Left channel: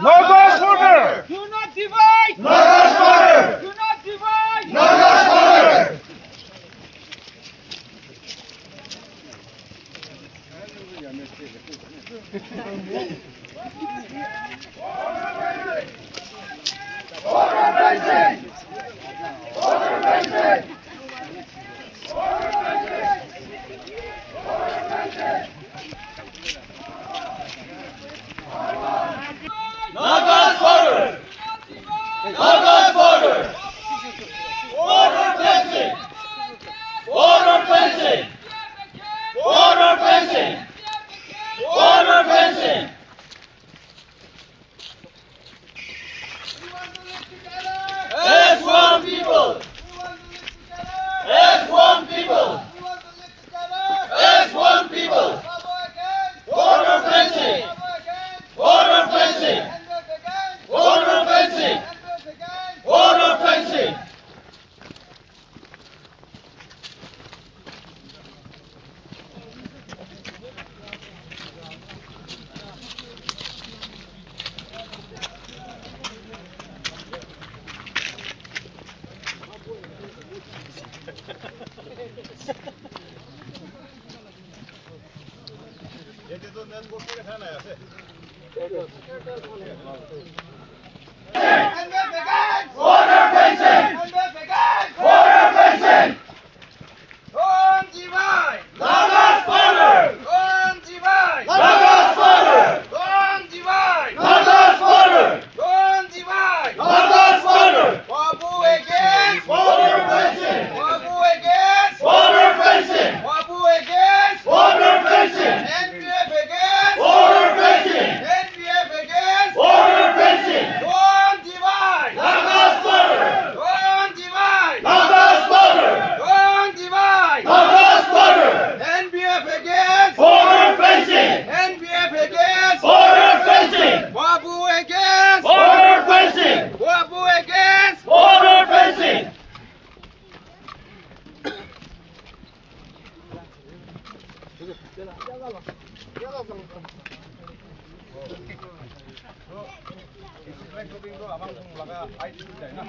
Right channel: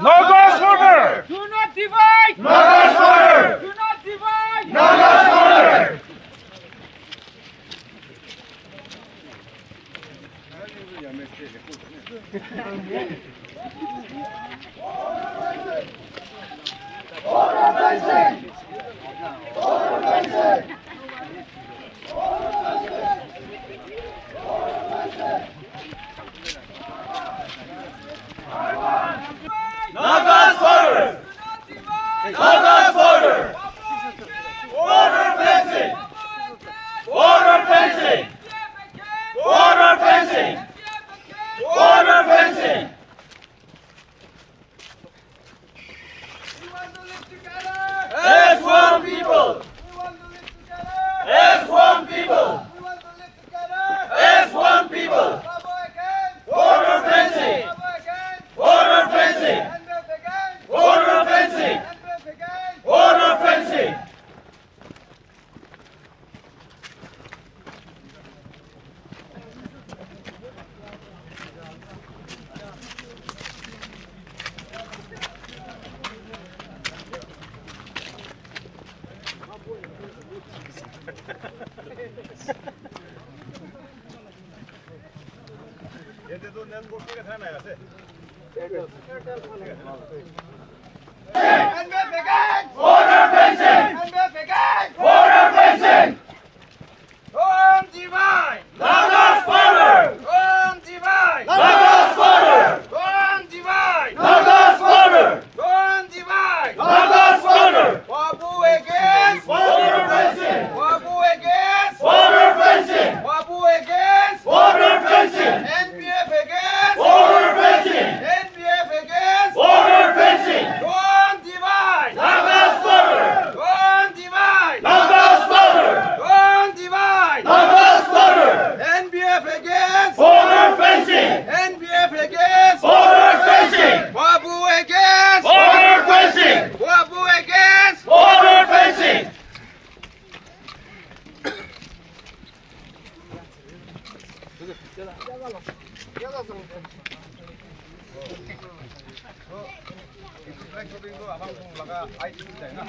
NAGA's border! Do not divide! NAGA's border! Do not divide! NAGA's border! NAGA's border! NAGA's border! Border fencing! Border fencing! Border fencing! Border fencing! We want to live together! As one people! We want to live together! As one people! We want to live together! As one people! Bravo again! Border fencing! Bravo again! Border fencing! NPF again! Border fencing! NPF again! Border fencing! NPF again! Border fencing! NPF again! Border fencing! Don't divide! NAGA's border! Don't divide! NAGA's border! Don't divide! NAGA's border! Don't divide! NAGA's border! Wabu against! Border fencing! Wabu against! Border fencing! Wabu against! Border fencing! NPF against! Border fencing! NPF against! Border fencing! Don't divide! NAGA's border! Don't divide! NAGA's border! Don't divide! NAGA's border! NPF against! Border fencing! NPF against! Border fencing! Wabu against! Border fencing! Wabu against! Border fencing! Abang laga ID sudah na.